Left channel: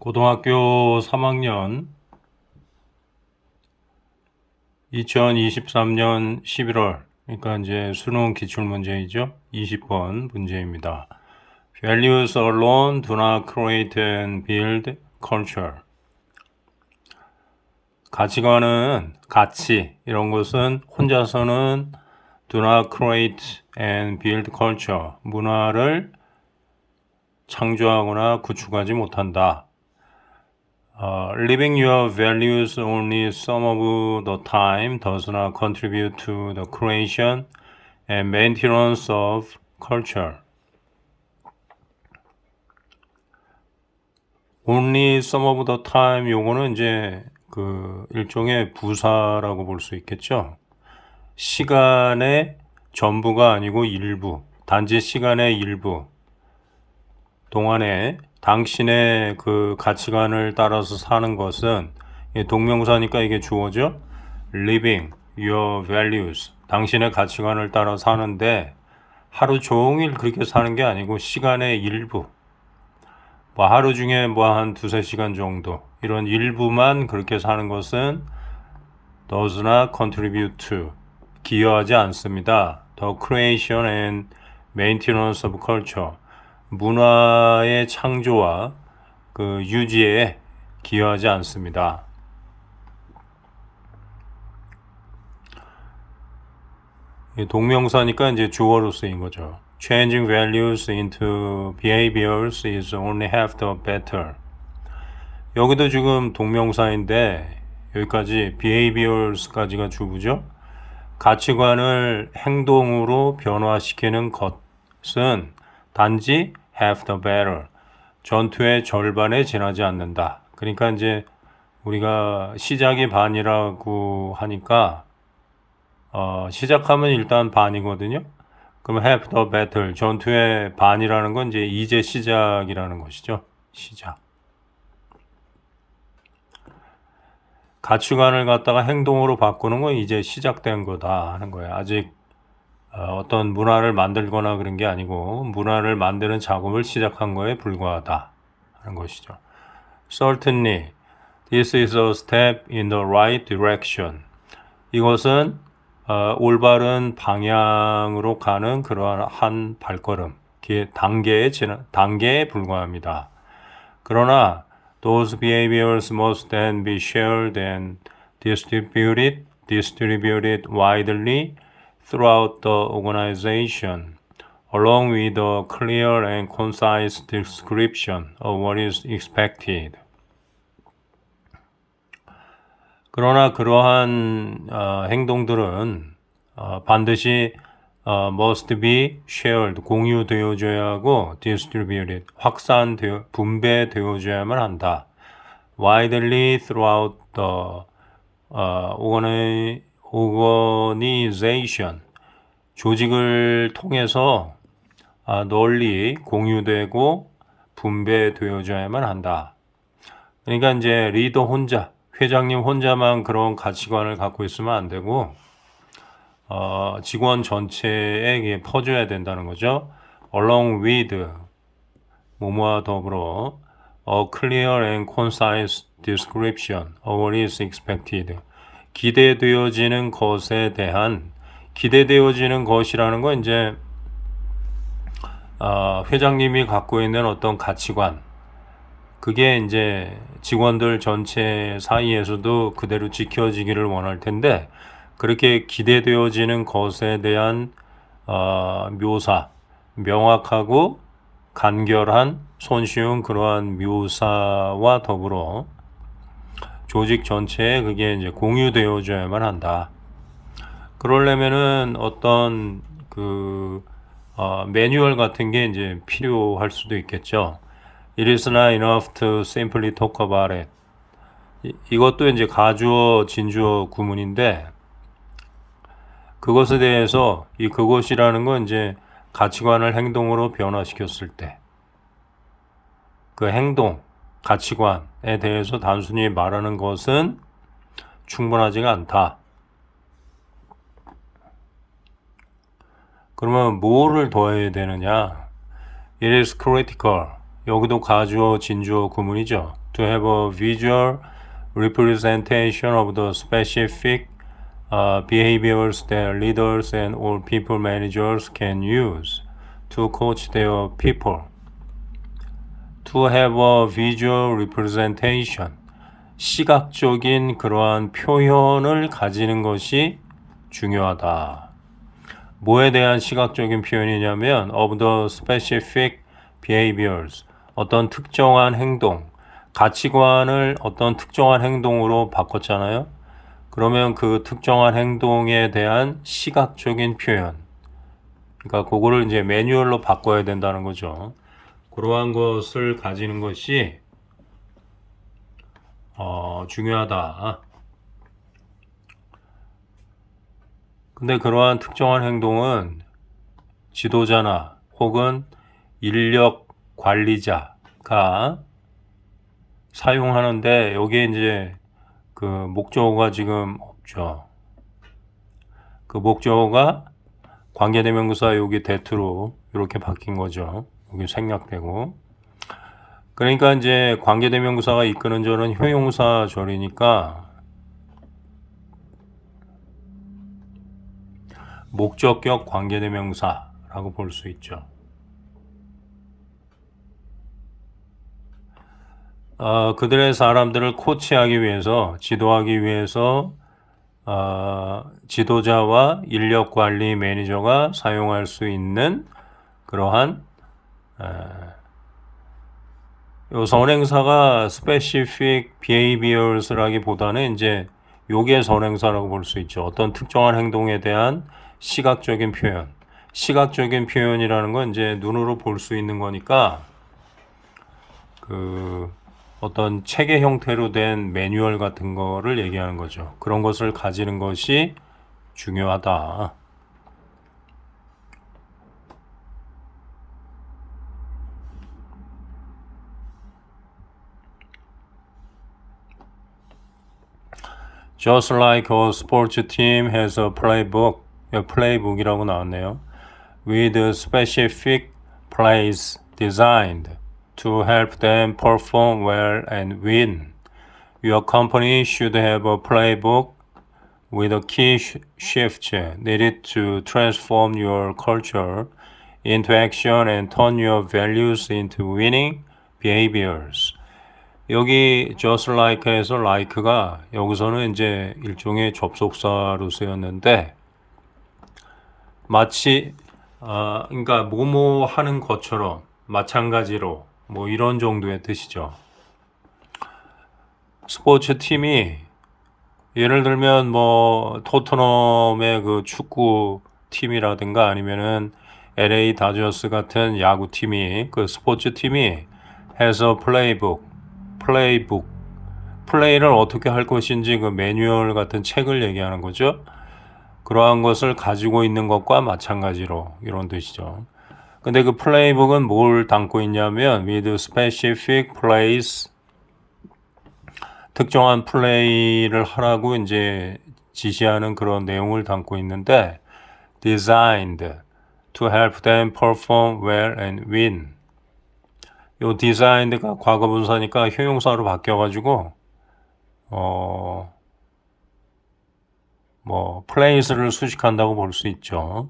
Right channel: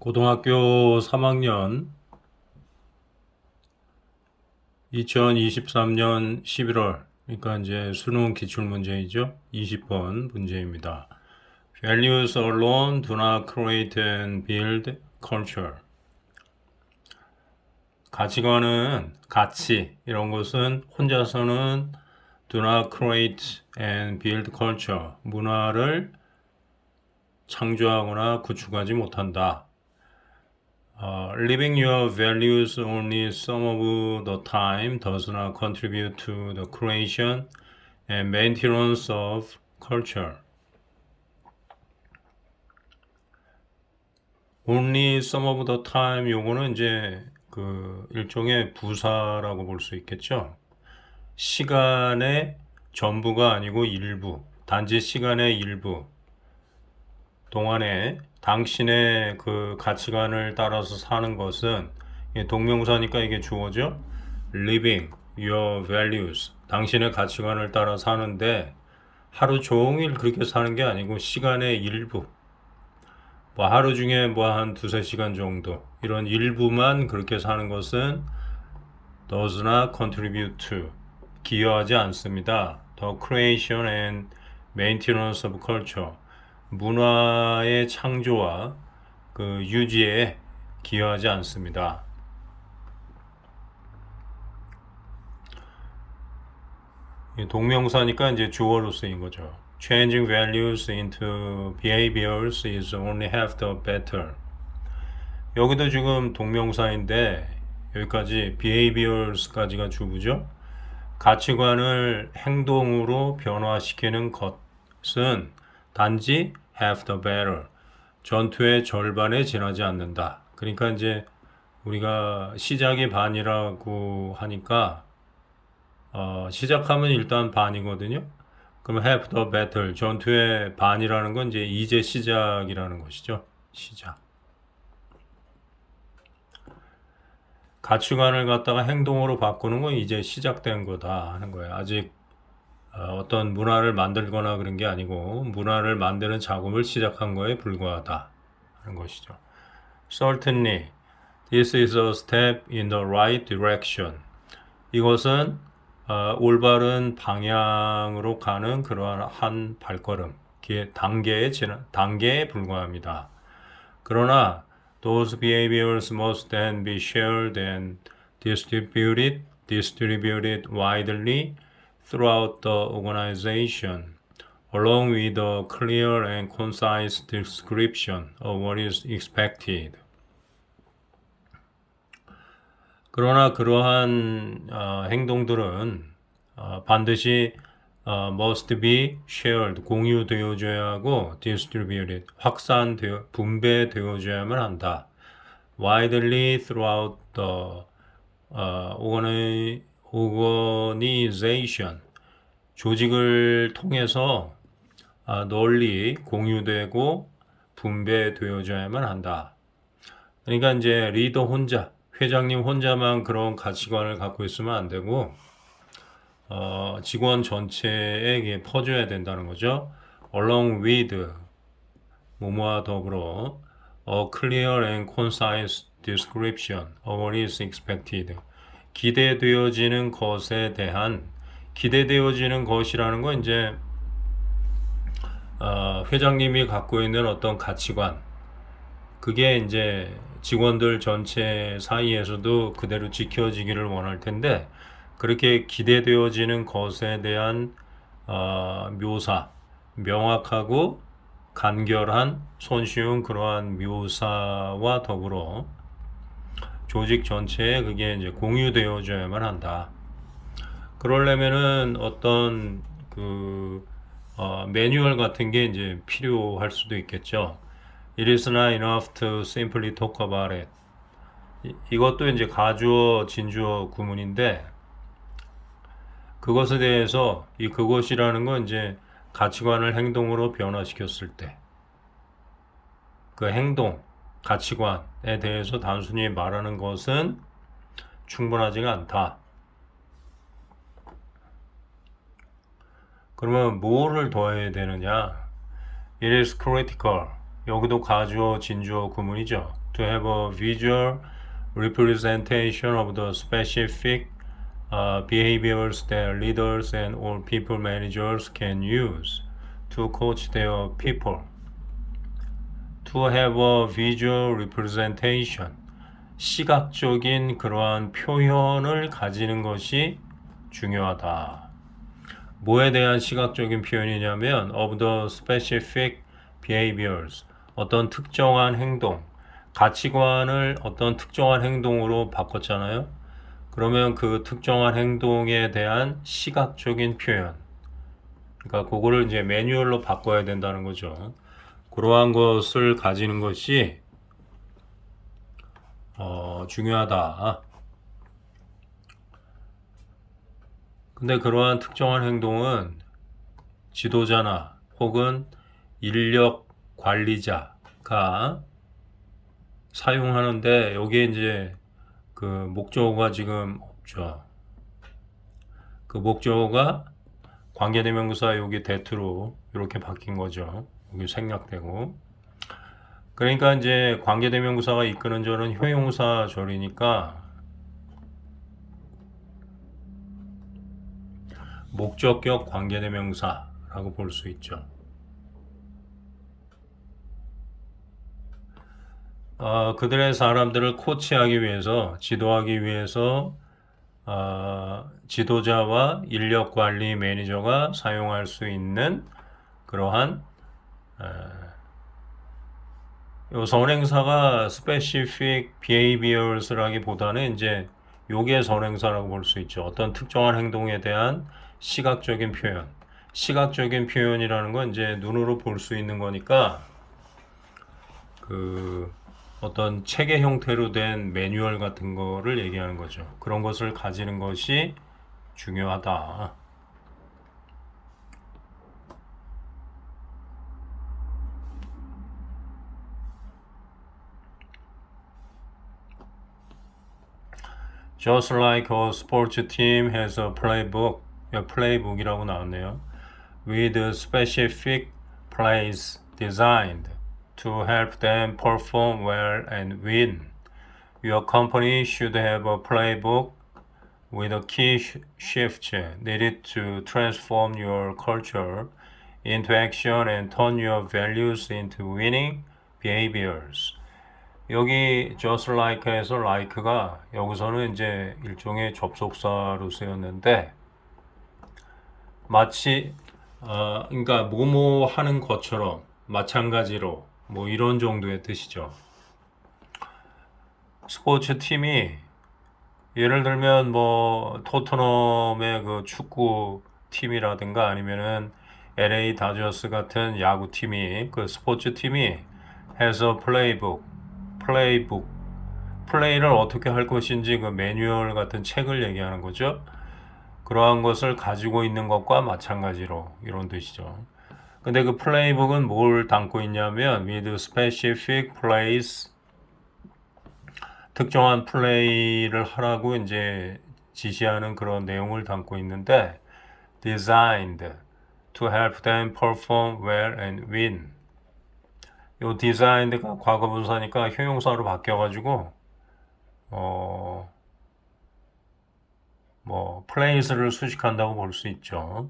고등학교 3학년 2023년 11월, 그러니까 이제 수능 기출문제이죠. 20번 문제입니다. Values alone do not create and build culture. 가치관은, 가치, 이런 것은 혼자서는 do not create and build culture. 문화를 창조하거나 구축하지 못한다. Living your values only some of the time does not contribute to the creation and maintenance of culture. Only some of the time, 요거는 이제 그 일종의 부사라고 볼 수 있겠죠. 시간의 전부가 아니고 일부, 단지 시간의 일부 동안에 당신의 그 가치관을 따라서 사는 것은, 동명사니까 이게 주어죠. Living your values, 당신의 가치관을 따라 사는데 하루 종일 그렇게 사는 게 아니고 시간의 일부, 뭐 하루 중에 뭐 한 두세 시간 정도, 이런 일부만 그렇게 사는 것은 does not contribute to, 기여하지 않습니다. The creation and maintenance of culture, 문화의 창조와 그 유지에 기여하지 않습니다. 동명사니까 이제 주어로 쓰인 거죠. Changing values into behaviors is only half the battle. 여기도 지금 동명사인데 여기까지 behaviors까지가 주부죠. 가치관을 행동으로 변화시키는 것은 단지 half the battle, 전투의 절반에 지나지 않는다. 그러니까 이제 우리가 시작이 반이라고 하니까 시작하면 일단 반이거든요. 그럼 half the battle, 전투의 반이라는 건 이제 시작이라는 것이죠. 시작. 가치관을 갖다가 행동으로 바꾸는 건 이제 시작된 거다 하는 거예요. 아직 어떤 문화를 만들거나 그런 게 아니고 문화를 만드는 작업을 시작한 거에 불과하다 하는 것이죠. Certainly, this is a step in the right direction. 이것은 올바른 방향으로 가는 그러한 한 발걸음, 단계에 불과합니다. 그러나 those behaviors must then be shared and distributed widely throughout the organization, along with a clear and concise description of what is expected. 그러나 그러한 행동들은 반드시 must be shared, 공유되어져야 하고 distributed, 분배되어져야만 한다. widely throughout the organization, 조직을 통해서 널리 공유되고 분배되어져야만 한다. 그러니까 이제 리더 혼자, 회장님 혼자만 그런 가치관을 갖고 있으면 안 되고 직원 전체에 퍼줘야 된다는 거죠. Along with, 뭐뭐와 더불어 a clear and concise description of what is expected. 기대되어지는 것에 대한, 기대되어지는 것이라는 건 이제 회장님이 갖고 있는 어떤 가치관, 그게 이제 직원들 전체 사이에서도 그대로 지켜지기를 원할 텐데, 그렇게 기대되어지는 것에 대한 묘사, 명확하고 간결한 손쉬운 그러한 묘사와 더불어 조직 전체에 그게 이제 공유되어져야만 한다. 그러려면은 어떤 매뉴얼 같은 게 이제 필요할 수도 있겠죠. It is not enough to simply talk about it. 이것도 이제 가주어, 진주어 구문인데, 그것에 대해서 그것이라는 건 이제 가치관을 행동으로 변화시켰을 때, 그 행동, 가치관에 대해서 단순히 말하는 것은 충분하지가 않다. 그러면 뭐를 더해야 되느냐? It is critical. 여기도 가주어, 진주어 구문이죠. to have a visual representation of the specific behaviors that leaders and all people managers can use to coach their people. To have a visual representation, 시각적인 그러한 표현을 가지는 것이 중요하다. 뭐에 대한 시각적인 표현이냐면 of the specific behaviors, 어떤 특정한 행동, 가치관을 어떤 특정한 행동으로 바꿨잖아요. 그러면 그 특정한 행동에 대한 시각적인 표현, 그러니까 그거를 이제 매뉴얼로 바꿔야 된다는 거죠. 그러한 것을 가지는 것이 중요하다. 근데 그러한 특정한 행동은 지도자나 혹은 인력 관리자가 사용하는데 여기에 이제 그 목적어가 지금 없죠. 그 목적어가 관계대명사 여기 대투로 이렇게 바뀐 거죠. 여기 생략되고. 그러니까 이제 관계대명사가 이끄는 절은 효용사 절이니까 목적격 관계대명사라고 볼 수 있죠. 그들의 사람들을 코치하기 위해서, 지도하기 위해서 지도자와 인력관리 매니저가 사용할 수 있는 그러한 요 선행사가 specific behaviors라기보다는 이제 요게 선행사라고 볼 수 있죠. 어떤 특정한 행동에 대한 시각적인 표현. 시각적인 표현이라는 건 이제 눈으로 볼 수 있는 거니까 그 어떤 체계 형태로 된 매뉴얼 같은 거를 얘기하는 거죠. 그런 것을 가지는 것이 중요하다. Just like a sports team has a playbook, playbook이라고 나왔네요. With specific plays designed to help them perform well and win. Your company should have a playbook with a key shifts needed to transform your culture into action and turn your values into winning behaviors. 여기 just like에서 like가 여기서는 이제 일종의 접속사로 쓰였는데 마치 그러니까 뭐뭐 하는 것처럼 마찬가지로 뭐 이런 정도의 뜻이죠. 스포츠 팀이 예를 들면 뭐 토트넘의 그 축구 팀이라든가 아니면은 LA 다저스 같은 야구 팀이 그 스포츠 팀이 has a playbook, 플레이를 어떻게 할 것인지 그 매뉴얼 같은 책을 얘기하는 거죠. 그러한 것을 가지고 있는 것과 마찬가지로 이런 뜻이죠. 근데 그 플레이북은 뭘 담고 있냐면 with specific plays, 특정한 플레이를 하라고 이제 지시하는 그런 내용을 담고 있는데 designed to help them perform well and win. 요 designed가 과거분사니까 효용사로 바뀌어가지고 뭐 plays를 수식한다고 볼 수 있죠.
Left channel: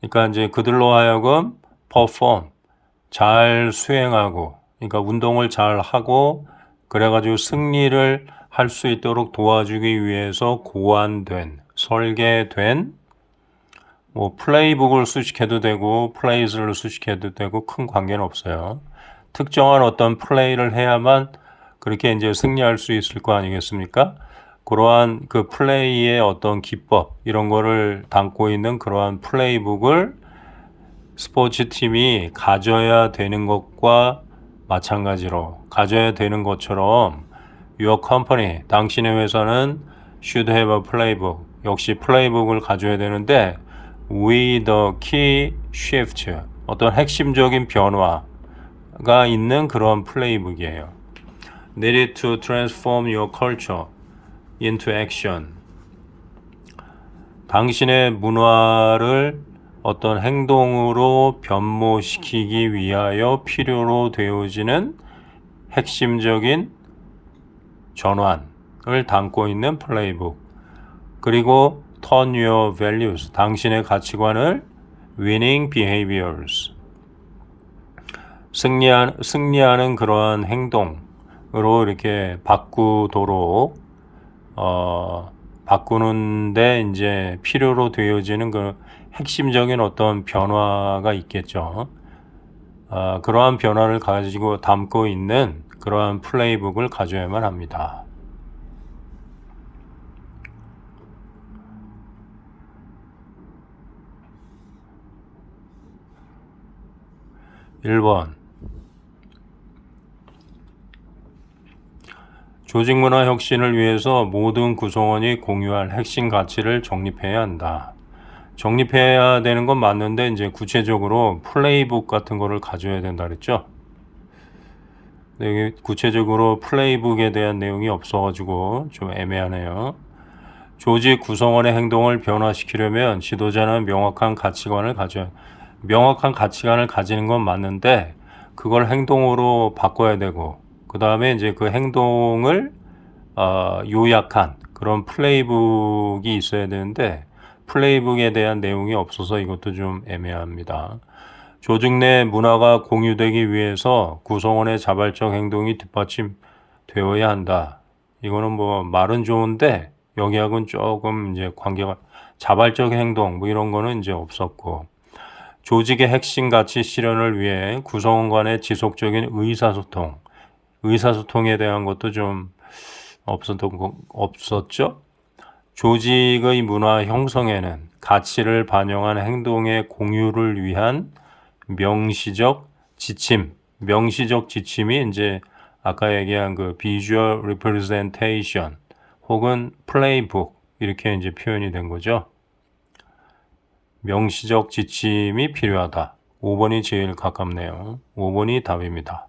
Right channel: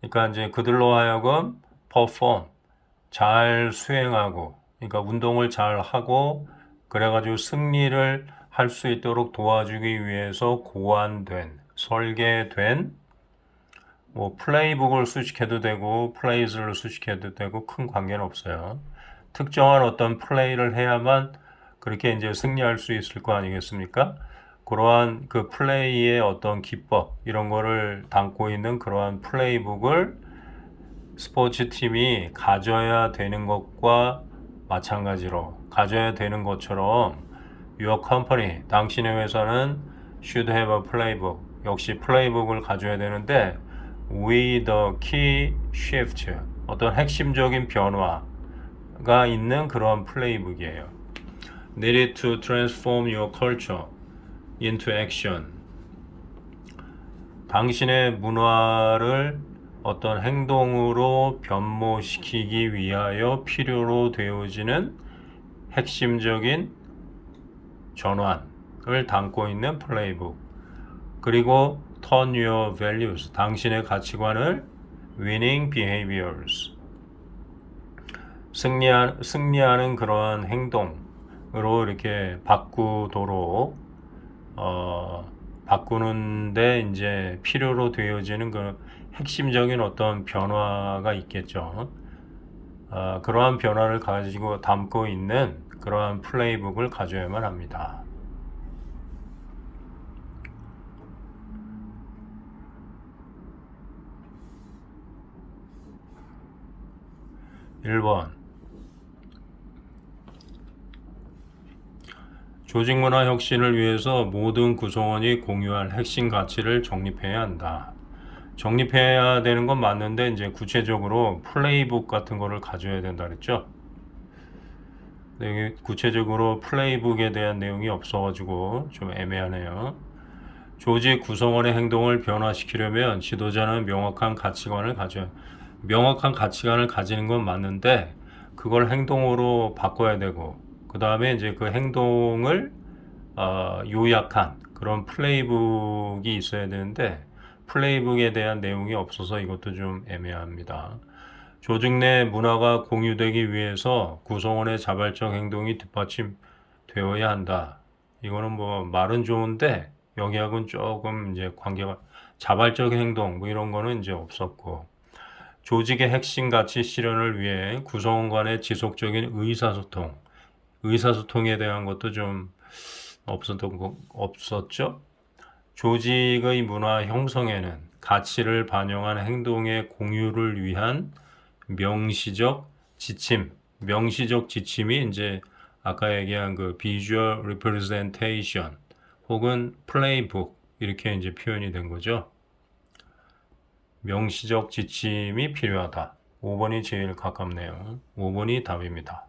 그러니까 이제 그들로 하여금 perform, 잘 수행하고, 그러니까 운동을 잘 하고, 그래가지고 승리를 할 수 있도록 도와주기 위해서 고안된, 설계된, 뭐 플레이북을 수식해도 되고, 플레이스를 수식해도 되고, 큰 관계는 없어요. 특정한 어떤 플레이를 해야만 그렇게 이제 승리할 수 있을 거 아니겠습니까? 그러한 그 플레이의 어떤 기법 이런 거를 담고 있는 그러한 플레이북을 스포츠 팀이 가져야 되는 것과 마찬가지로 가져야 되는 것처럼 Your company, 당신의 회사는 should have a playbook, 역시 플레이북을 가져야 되는데 with the key shift, 어떤 핵심적인 변화가 있는 그런 플레이북이에요. Needed to transform your culture into action. 당신의 문화를 어떤 행동으로 변모시키기 위하여 필요로 되어지는 핵심적인 전환을 담고 있는 플레이북. 그리고 turn your values, 당신의 가치관을 winning behaviors, 승리하는 그러한 행동으로 이렇게 바꾸도록 바꾸는데 이제 필요로 되어지는 그 핵심적인 어떤 변화가 있겠죠. 그러한 변화를 가지고 담고 있는 그러한 플레이북을 가져야만 합니다. 1번 조직 문화 혁신을 위해서 모든 구성원이 공유할 핵심 가치를 정립해야 한다. 정립해야 되는 건 맞는데 이제 구체적으로 플레이북 같은 거를 가져야 된다 그랬죠. 여기 구체적으로 플레이북에 대한 내용이 없어가지고 좀 애매하네요. 조직 구성원의 행동을 변화시키려면 지도자는 명확한 가치관을 가지는 건 맞는데 그걸 행동으로 바꿔야 되고 그 다음에 이제 그 행동을 요약한 그런 플레이북이 있어야 되는데 플레이북에 대한 내용이 없어서 이것도 좀 애매합니다. 조직 내 문화가 공유되기 위해서 구성원의 자발적 행동이 뒷받침되어야 한다. 이거는 뭐 말은 좋은데 여기하고는 조금 이제 관계가 자발적 행동 뭐 이런 거는 이제 없었고 조직의 핵심 가치 실현을 위해 구성원 간의 지속적인 의사소통에 대한 것도 좀 없었죠. 조직의 문화 형성에는 가치를 반영한 행동의 공유를 위한 명시적 지침이 이제 아까 얘기한 그 visual representation 혹은 플레이북 이렇게 이제 표현이 된 거죠. 명시적 지침이 필요하다. 5번이 제일 가깝네요. 5번이 답입니다.